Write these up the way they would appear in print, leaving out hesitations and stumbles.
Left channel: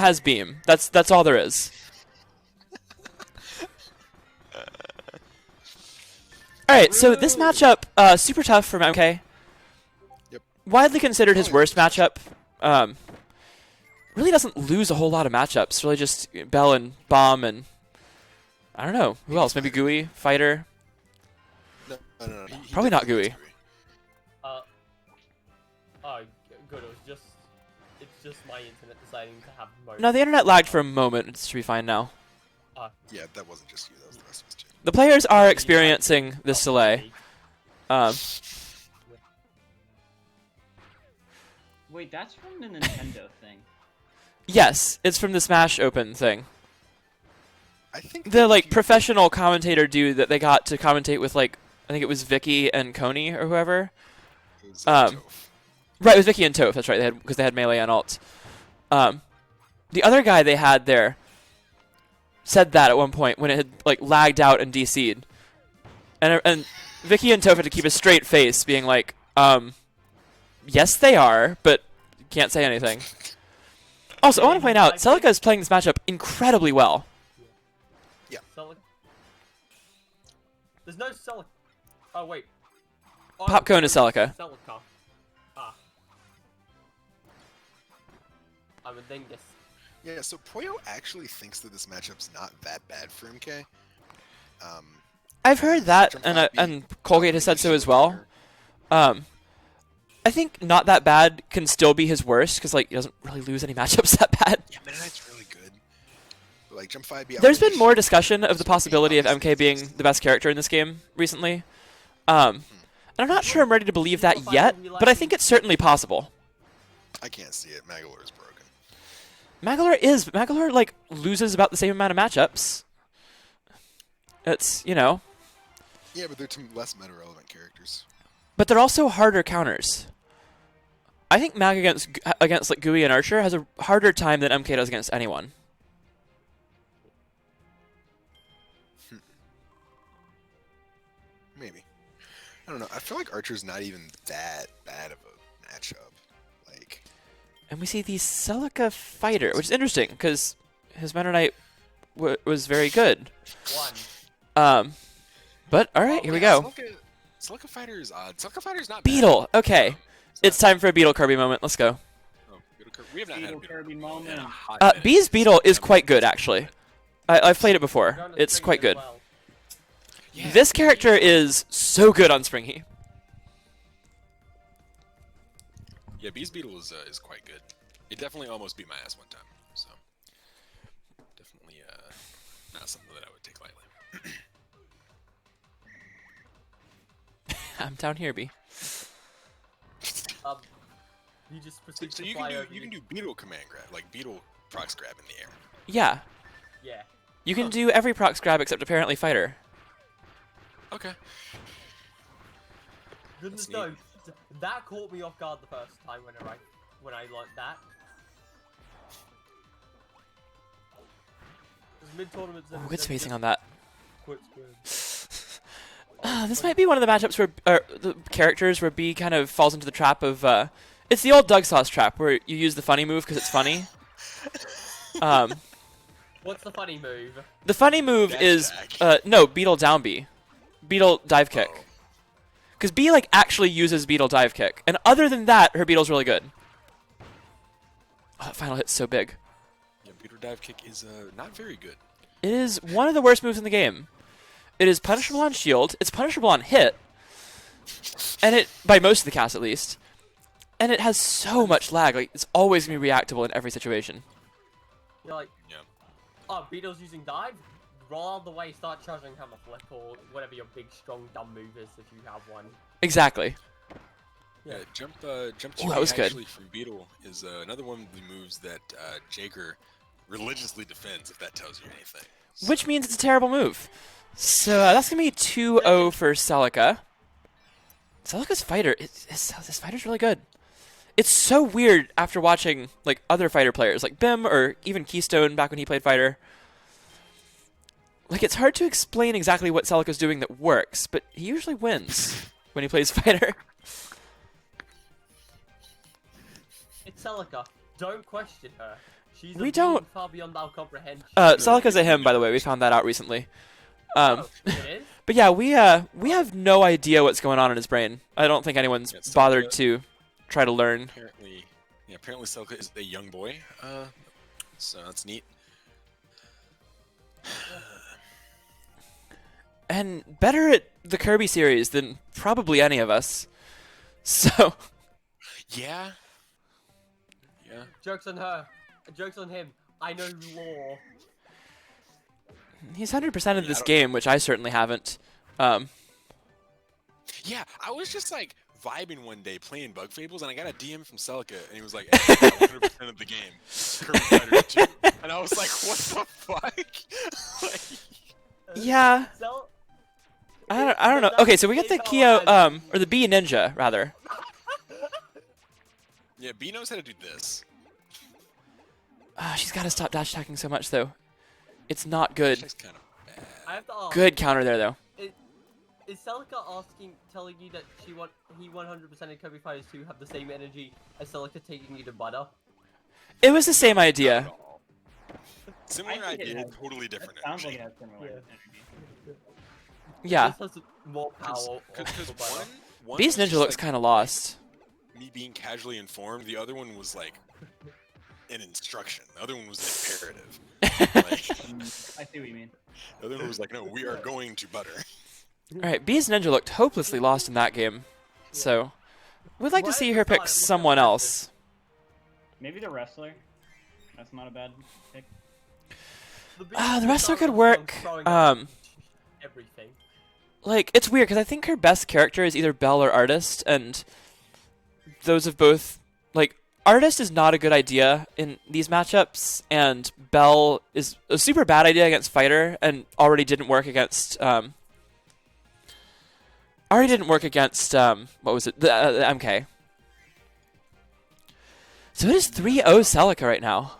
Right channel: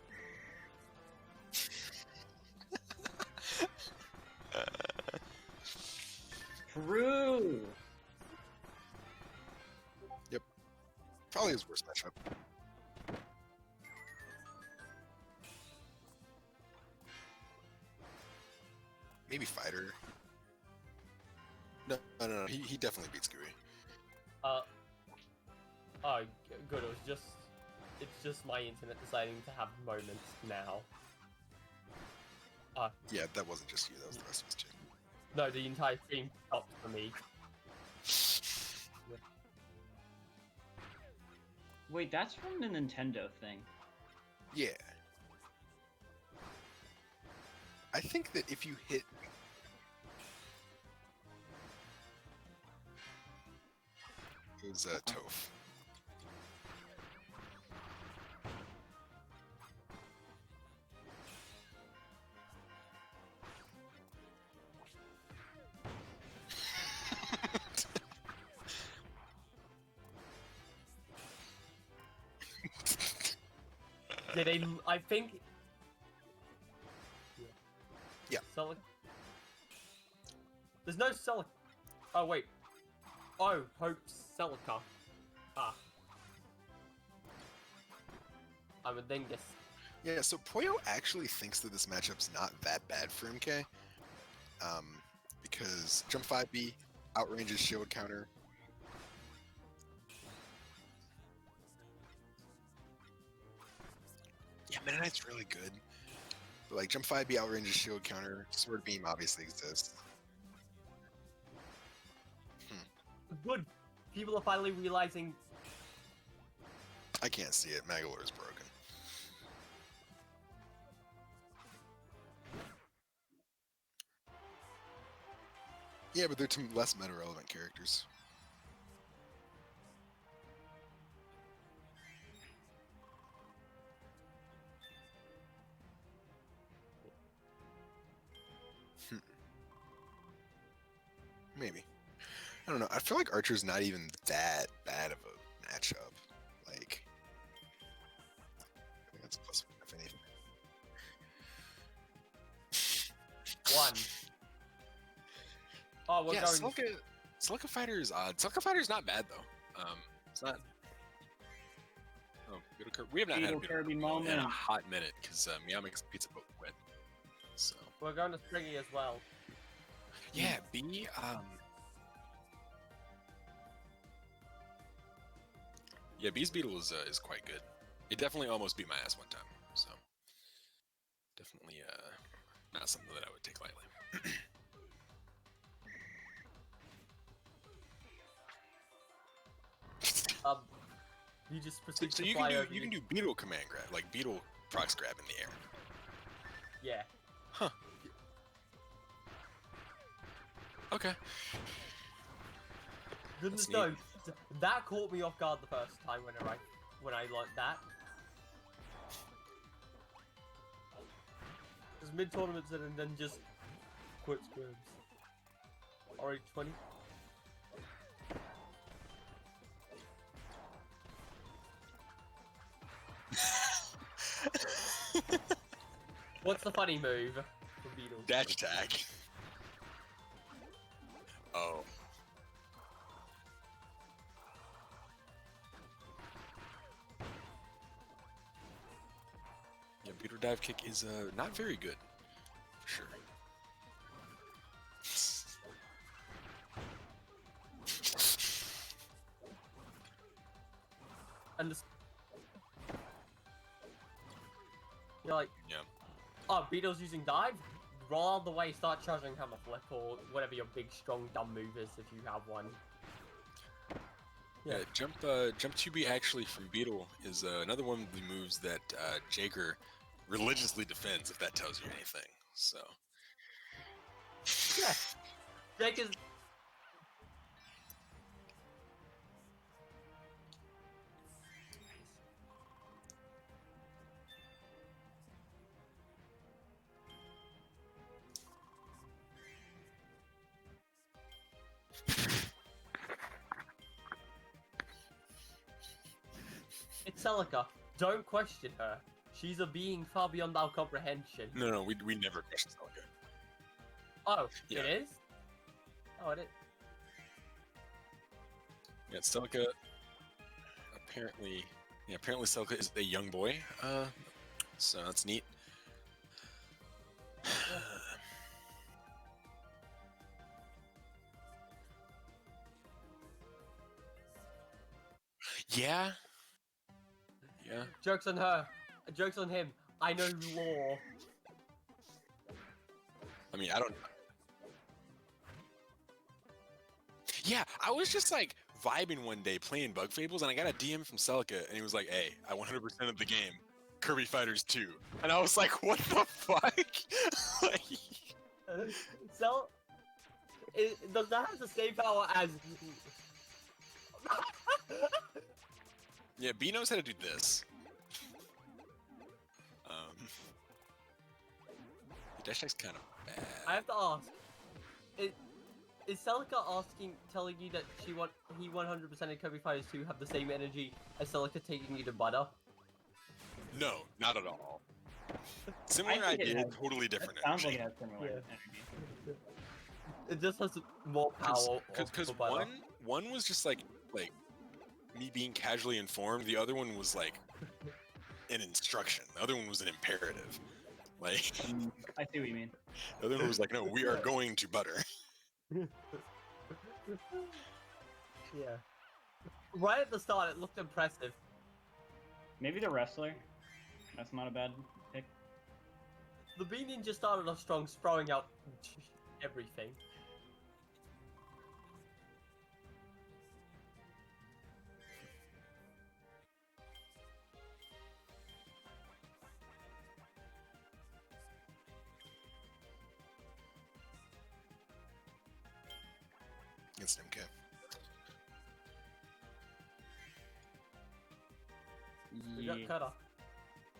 has beam. That's all there is. All right, so this matchup, super tough from MK. Yep. Widely considered his Probably worst matchup. Really doesn't lose a whole lot of matchups. Really just Bell and Bomb and I don't know who else. Maybe Fighter. Gooey, Fighter. No. Probably not definitely Gooey. gets Oh, good. It's just my internet deciding to have moments. No, the internet lagged for a moment. It should be fine now. Yeah, that wasn't just you. That was the rest of us too. The players No, are the experiencing entire this thing delay. Wait, that's from the Nintendo thing. Yes, it's from the Smash Open thing. I think The that like if you- professional commentator dude that they got to commentate with, like I think it was Vicky and Coney or whoever. it was, Toph. Right, it was Vicky and Toph. That's right. Because they had melee and ult. The other guy they had there said that at one point when it had like lagged out and DC'd, and Vicky and Toph had to keep a straight face, being like, yes they are, but can't say anything. Also, I want to point out, Celica is playing this matchup incredibly well. Celica. There's no Celica. Oh wait. Oh, Popcone is there's Celica. Celica. Ah. I would then guess. Yeah, so Poyo actually thinks that this matchup's not that bad for MK. I've heard that, Jump and 5B, and Colgate has said opening so the as shield well. counter. I think not that bad can still be his worst because like he doesn't really lose any matchups that bad. Yeah, Meta Knight's really good. But, like Jump 5B. There's opening been more shield discussion counter, of the so beam possibility of obviously MK being exists. the best character in this game recently. And I'm not sure I'm ready to believe that People yet, finally but I think realizing- it's certainly possible. I can't see it. Magolor is broken. Magolor like loses about the same amount of matchups. It's, you know, Yeah, but they're two less meta-relevant characters. but they're also harder counters. I think Mag against like Gooey and Archer has a harder time than MK does against anyone. Maybe. I don't know. I feel like Archer's not even that bad of a matchup. Like, And we see the Celica Fighter, which is interesting because his Meta Knight was very good. One. But all right, Oh, here we yeah, go. Celica Fighter is odd. Celica Fighter is not bad. Beetle. Okay, it's not- time for a Beetle Kirby moment. Let's go. oh, Beetle Kirby. We have not had a Beetle Beetle Kirby in moment. a hot minute. Bee's Beetle is Yeah, quite good it's actually. bad. I've played it We're before. going to It's Spring quite as good. well. Yeah, This character Beetle- is so good on Springy. Yeah, Bee's Beetle is quite good. It definitely almost beat my ass one time. So definitely not something that I would take lightly. I'm down here, B. You just So, proceed so to you fly can over do you can do Beetle command grab, like Beetle prox grab in the air. Yeah, Yeah. you can Huh. do every prox grab except apparently Fighter. Okay. Goodness neat. no, that caught me off guard the first time when I learned that. Because mid-tournament Oh, it's facing on that. Quit screen. This might be one of the matchups where the characters where B kind of falls into the trap of. It's the old Doug Sauce trap where you use the funny move because it's funny. What's the funny move? The funny move Dash is attack. no Beetle down B, Beetle dive kick. Oh. Because B like actually uses Beetle dive kick, and other than that, her Beetle's really good. Oh, that final hit's so big. Yeah, Beetle dive kick is not very good. It is one of the worst moves in the game. It is punishable on shield. It's punishable on hit, and it by most of the cast at least. And it has so much lag. Like it's always gonna be reactable in every situation. You're like, Yeah. oh, Beetle's using dive? Roll out of the way, start charging hammer flip, or whatever your big, strong, dumb move is if you have one. Exactly. Yeah. Jump that 2 was good. actually from Beetle is another one of the moves that Jager religiously defends, if that tells you anything. Which So- means it's a terrible move. So that's gonna be 2-0 for Celica. Celica's fighter, this fighter's really good. It's so weird after watching like other fighter players, like Bim or even Keystone back when he played fighter. Like it's hard to explain exactly what Celica's doing that works, but he usually wins when he plays fighter. It's Celica. Don't question her. She's We a don't- being far beyond our comprehension. Celica's a we him, by the never way. We understand. found that out recently. Oh, it is? But yeah, we have no idea what's going on in his brain. I don't think anyone's Yeah, Celica- bothered to try to learn. Apparently Celica is a young boy. So that's neat. And better at the Kirby series than probably any of us. So, Yeah. Yeah. Joke's on her. Joke's on him. I know lore. he's 100% in Yeah, I this don't- game, which I certainly haven't. Yeah, I was just like vibing one day playing Bug Fables, and I got a DM from Celica, and he was like, "Hey, I got 100% of the game, Kirby Fighters 2," and I was like, "What the fuck?" Like, Yeah. So, I don't know. Okay, so we get the Kyo, or the Bee Ninja, rather. yeah, B knows how to do this. She's got to stop dash attacking so much, though. It's not good. That's kind of bad. I have to ask. Good counter there, though. Is Celica telling you that he 100% in Kirby Fighters 2 have the same energy as Celica taking you to butter? It was the same Not idea. at all. Similar I think it idea, has- totally different. It sounds like energy. it has similar Yeah. energy. Yeah. It just has more power. Because for butter. one Beast was Ninja just, looks like, kind of lost. me being casually informed. The other one was like an instruction. The other one was an imperative. Like, I see what you mean. the other one was like, "No, we are going to butter." Alright, Beast Ninja looked hopelessly lost in that game. So, we'd like to Right see at her the start, pick it looked someone impressive. else. Maybe the wrestler. That's not a bad pick. The wrestler could Beast work, throwing up um, everything. Like, it's weird, because I think her best character is either Belle or Artist, and those of both... Like, Artist is not a good idea in these matchups, and Belle is a super bad idea against Fighter, and already didn't work against... what was it? The MK. So it is 3-0 Celica right now.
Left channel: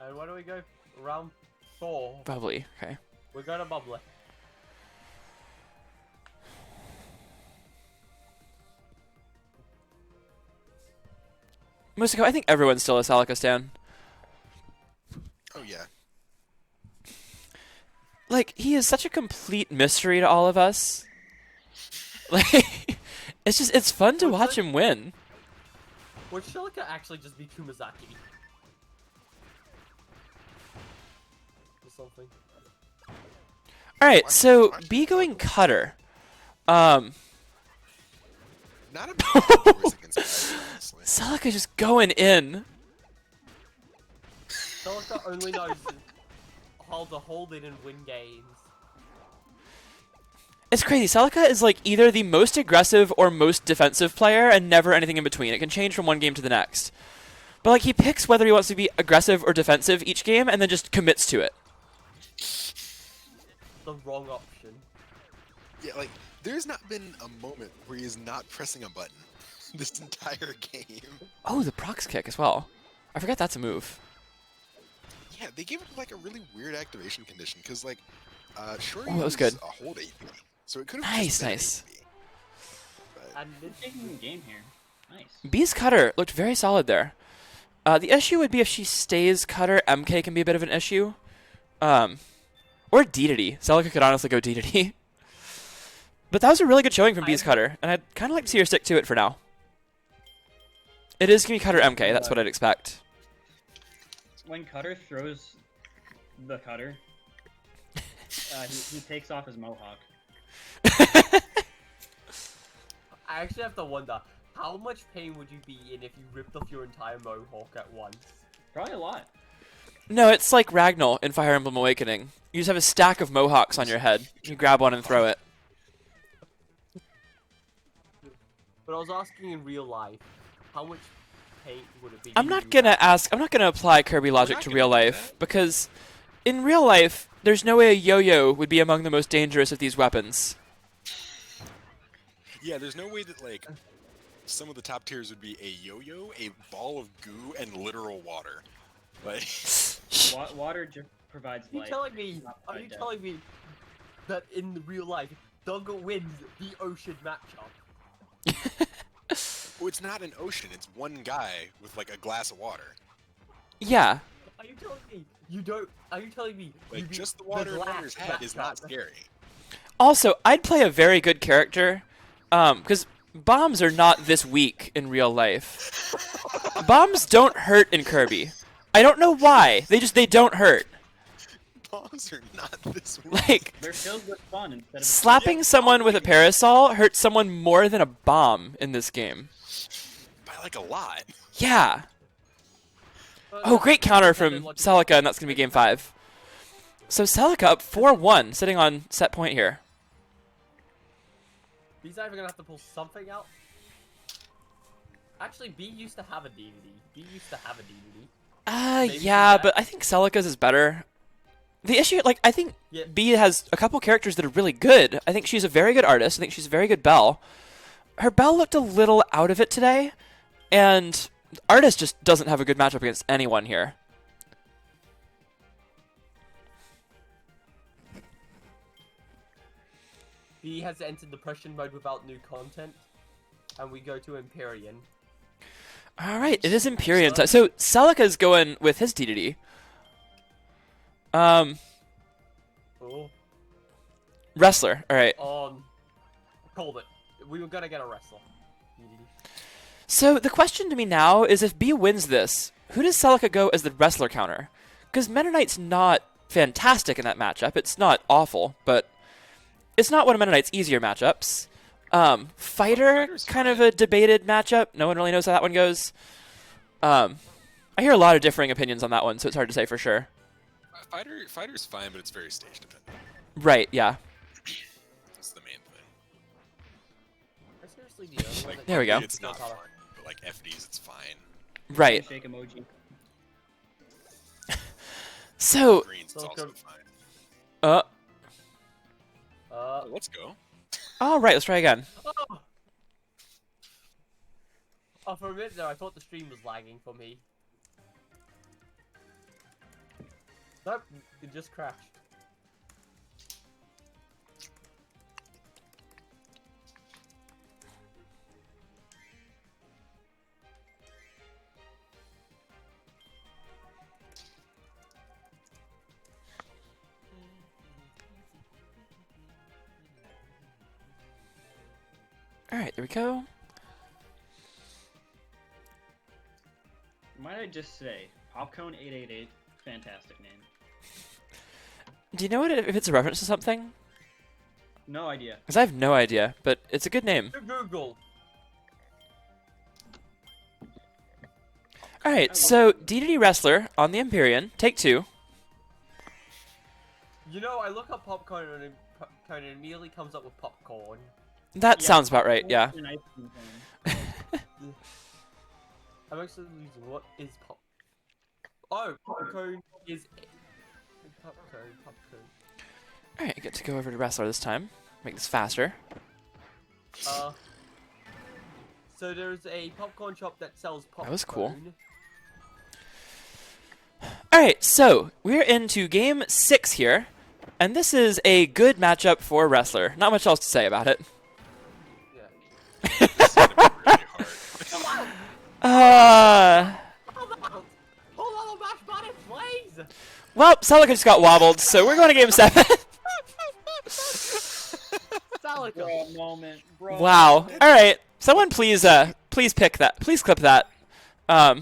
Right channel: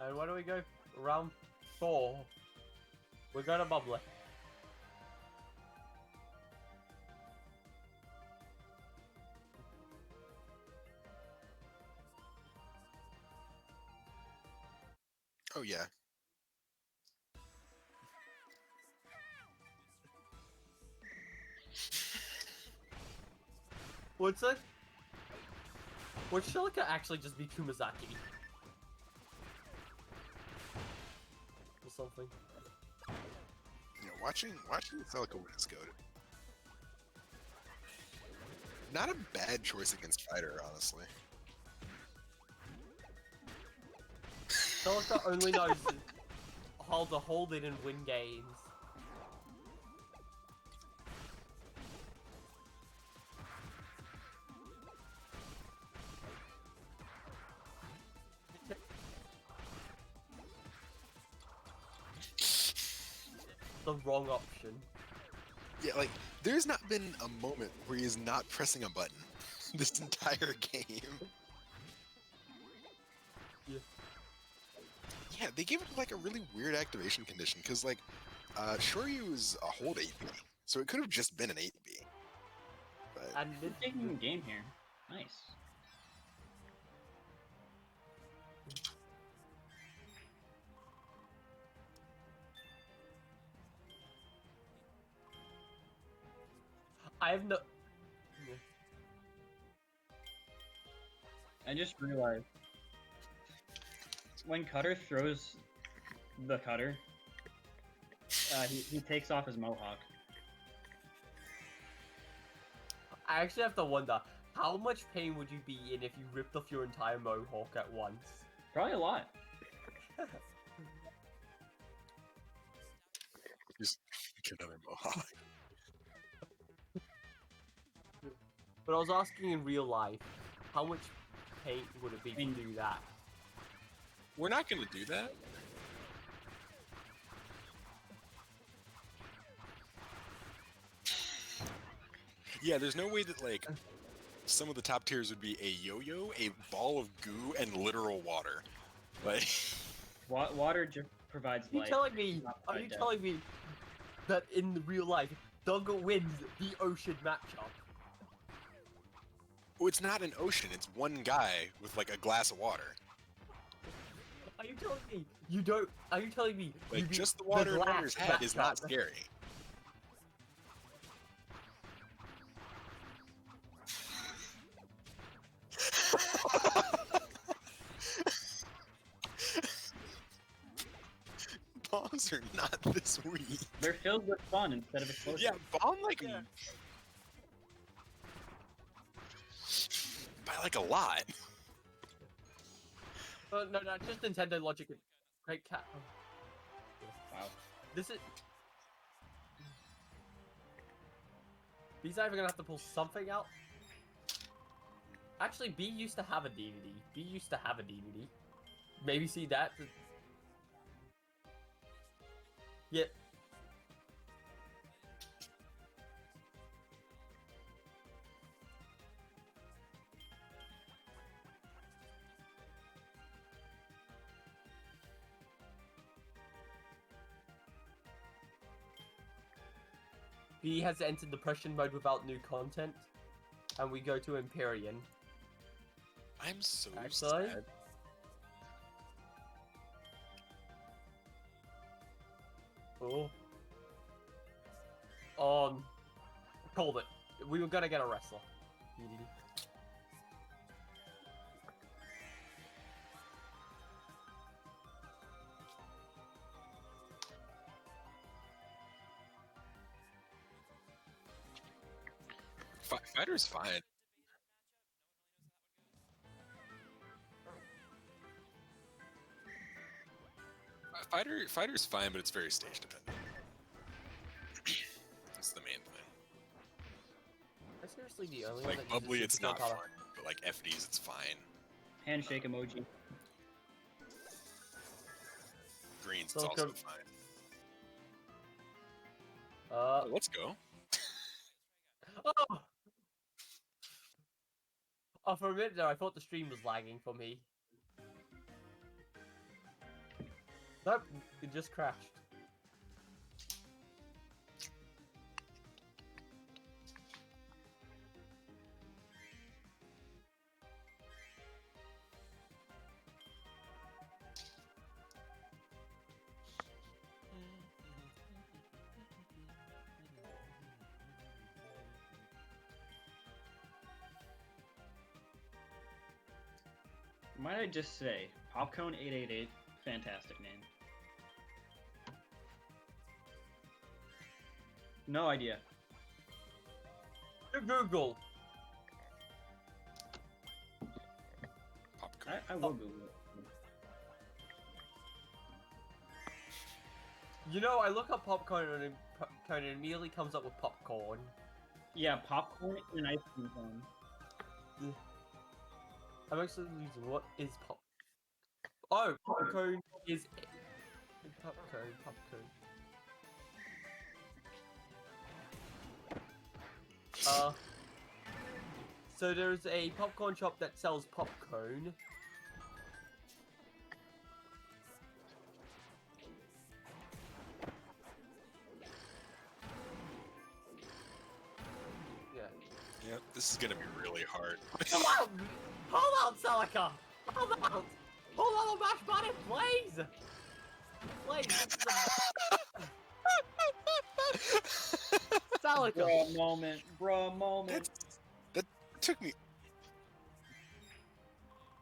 And where do we go? Round 4. Probably, okay. We're going to Bubbly. Musiko, I think everyone's still a Celica stan. Oh yeah. Like, he is such a complete mystery to all of us. Like, it's fun to Well, watch it's him win. Would Celica actually just be Kumazaki? Or something. Alright, Watch- so watch B Celica going win. Cutter. Not a bad choice against Spider, honestly. Celica just going in. Celica only knows how to hold it and win games. It's crazy. Celica is like either the most aggressive or most defensive player and never anything in between. It can change from one game to the next. But like he picks whether he wants to be aggressive or defensive each game and then just commits to it. The wrong option. Yeah, like there's not been a moment where he is not pressing a button this entire game. Oh, the prox kick as well. I forgot that's a move. Yeah, they gave it like a really weird activation condition because like, sure Oh, that was good. a hold AP, so it could have Nice, just been nice. an AP. But And They're taking the game here. Nice. B's cutter looked very solid there. The issue would be if she stays cutter, MK can be a bit of an issue. Or Dedede. Celica could honestly go Dedede. But that was a really good showing from B's cutter, and I'd kind of like to see her stick to it for now. It is going to be cutter MK, that's what I'd expect. When Cutter throws the cutter, he takes off his mohawk. I actually have to wonder, how much pain would you be in if you ripped off your entire mohawk at once? Probably a lot. No, it's like Ragnall in Fire Emblem Awakening. You just have a stack of mohawks on your head. You grab one and throw it. But I was asking in real life, how much pain would it be? I'm not gonna apply Kirby logic not to gonna real do life, that. because in real life, there's no way a yo-yo would be among the most dangerous of these weapons. yeah, there's no way that like some of the top tiers would be a yo-yo, a ball of goo, and literal water. Like, Water just provides Are you life. telling me? not Are by you death. telling me that in the real life, Doug wins the ocean matchup? Well, it's not an ocean. It's one guy with like a glass of water. Yeah. Are you telling me you don't? Are you telling me you Like beat just the water in glass Runner's head is not matchup? scary. Also, I'd play a very good character, because bombs are not this weak in real life. Bombs don't hurt in Kirby. I don't know why. They don't hurt. Bombs are not this weak. Like, They're filled with fun instead of slapping Yeah, someone bomb with a like- parasol hurts someone more than a bomb in this game. By like a lot. Yeah. But Oh, that's great the counter intended from logic. Celica, and that's going to be game 5. So Celica up 4-1, sitting on set point here. B's either gonna have to pull something out. Actually, B used to have a DDD. B used to have a DDD. Maybe Yeah, do but that. I think Celica's is better. The issue, like, I think Yeah. B has a couple characters that are really good. I think she's a very good artist. I think she's a very good Belle. Her Belle looked a little out of it today, and artist just doesn't have a good matchup against anyone here. B has entered depression mode without new content, and we go to Empyrean. All right, it is Empyrean time. Excellent. So Celica's going with his DDD. Oh. Wrestler. All right. Called it. We were gonna get a wrestler. DDD. So the question to me now is, if B wins this, who does Celica go as the wrestler counter? Because Meta Knight's not fantastic in that matchup. It's not awful, but it's not one of Meta Knight's easier matchups. Fighter, Fighter's kind of fine. a debated matchup. No one really knows how that one goes. I hear a lot of differing opinions on that one, so it's hard to say for sure. Fighter's fine, but it's very stage dependent. Right, yeah. That's the main thing. I seriously do. Like, There we go. It's not fun, but like FDs, it's fine. Right. handshake emoji. So, Green's So also good. fine. uh, Oh, let's go. all right, let's try again. Oh! Oh, for a minute there, I thought the stream was lagging for me. Nope, it just crashed. All right, here we go. Might I just say, Popcone 888, fantastic name. Do you know what if it's a reference to something? No idea. Because I have no idea, but it's a good name. To Google. All right, so DDD Wrestler on the Empyrean, take 2. You know, I look up popcorn and it immediately comes up with popcorn. That Yeah, sounds about right, popcorn yeah. and ice cream cone. I'm actually losing. What is pop? Oh, popcorn is popcorn. All right, I get to go over to Wrestler this time. Make this faster. So there's a popcorn shop that sells popcorn. That was cool. All right, so we're into game 6 here, and this is a good matchup for Wrestler. Not much else to say about it. Yeah. This is gonna be really hard. Hold on! Hold on, mash button, please! Well, Celica just got wobbled, so we're going to game 7. Celica. Bro moment, bro. Wow. moment. All right, someone please pick that. Please clip that. That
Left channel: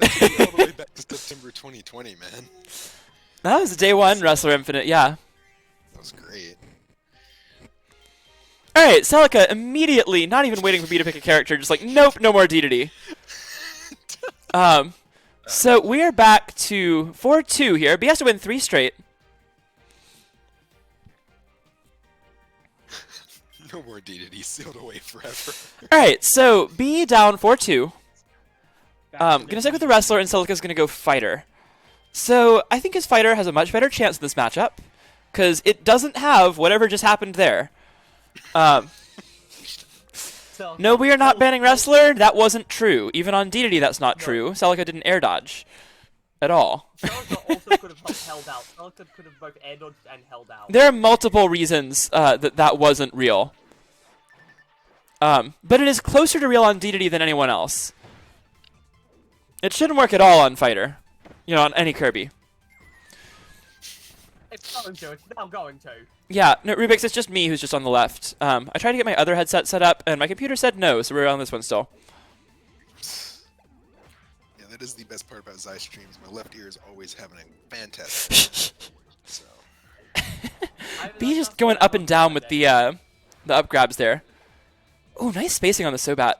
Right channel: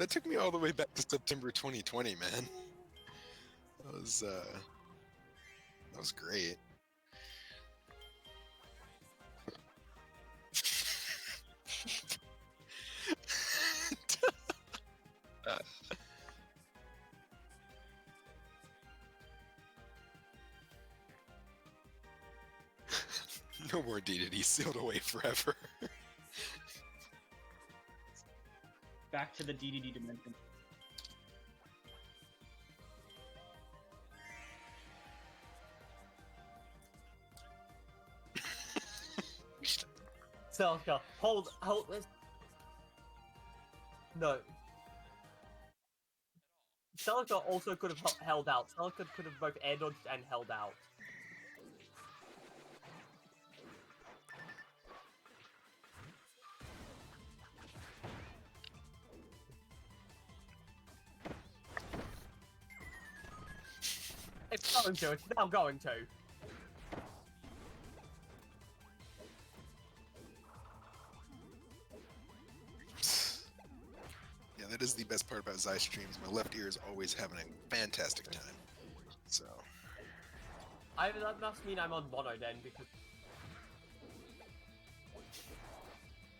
took me all the way back to September 2020, man. That was day 1 Wrestler Infinite, yeah. That was great. All right, Celica immediately, not even waiting for me to pick a character, just like, nope, no more DDD. So we are back to 4-2 here. B has to win 3 straight. No more DDD sealed away forever. All right, so B down 4-2. Back to the Gonna stick with the DDD. Wrestler, and Celica's gonna go Fighter. So I think his Fighter has a much better chance in this matchup, because it doesn't have whatever just happened there. Celica, No, we are not hold- banning hold- Wrestler. That wasn't true. Even on DDD, that's not No. true. Celica didn't air dodge at all. Celica also could have held out. Celica could have both air dodged and held out. There are multiple reasons that wasn't real. But it is closer to real on Dedede than anyone else. It shouldn't work at all on Fighter. You know, on any Kirby. It's going to. It's now going to. Yeah, no, Rubik's, it's just me who's just on the left. I tried to get my other headset set up, and my computer said no, so we're on this one still. Yeah, that is the best part about Zai streams. My left ear is always having a fantastic time. So. B's just going up and down with the up grabs there. Oh, nice spacing on the Sobat.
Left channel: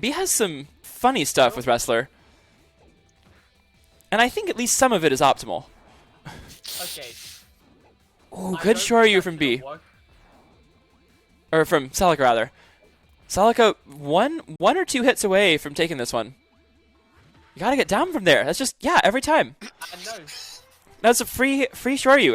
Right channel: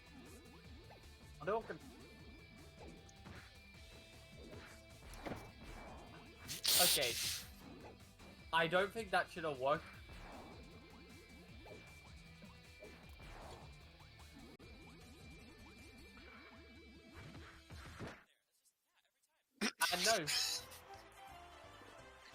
B has some funny stuff with Wrestler. And I think at least some of it is optimal. Okay. Oh, good Shoryu from B. Or from Celica, rather. Celica, one or two hits away from taking this one. You gotta get down from there. That's just, yeah, every time. I know. That's a free Shoryu every